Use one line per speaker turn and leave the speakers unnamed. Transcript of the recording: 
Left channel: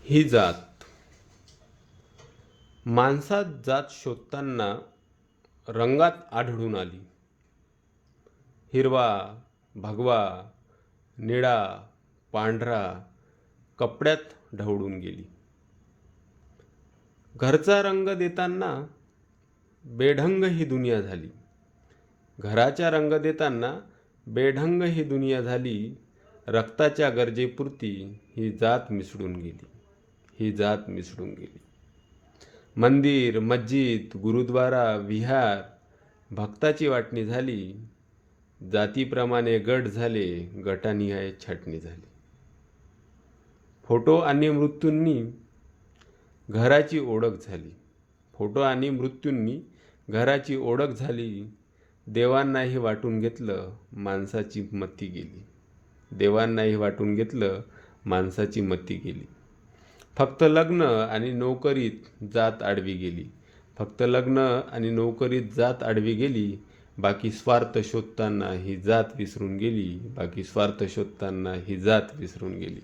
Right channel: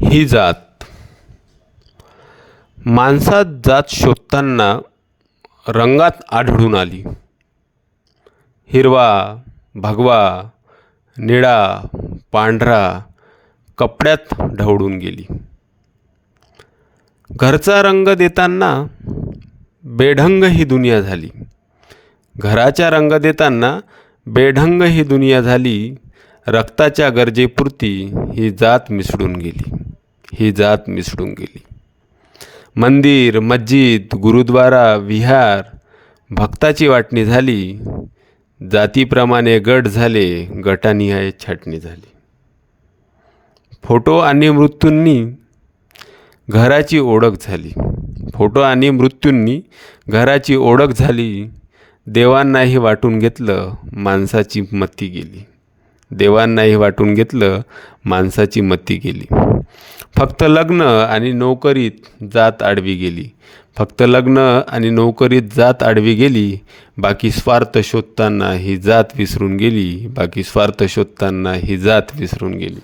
ही जात. माणसात जात शोधताना रंगात आढळून आली. हिरवा भगवा निळा पांढरा कपड्यात ढवळून गेली. घरचा रंग देताना बेढंग ही दुनिया झाली. घराच्या रंग देताना बेढंग ही दुनिया झाली. रक्ताच्या गरजेपुरती ही जात मिसळून गेली. ही जात मिसळून गेली. मंदिर मस्जिद गुरुद्वारा विहार भक्ताची वाटणी झाली. जातीप्रमाणे गट झाले गटानिहाय छाटणी झाली. फोटो आणि मृत्यूंनी घराची ओळख झाली. फोटो आणि मृत्यूंनी घराची ओळख झाली. देवांनाही वाटून घेतलं माणसाची मती गेली. देवांनाही वाटून घेतलं माणसाची मती गेली. फक्त लग्न आणि नोकरीत जात आडवी गेली. फक्त लग्न आणि नोकरीत जात आडवी गेली बाकी स्वार्थ शोधताना ही जात विसरून गेली बाकी स्वार्थ शोधताना ही जात विसरून गेली.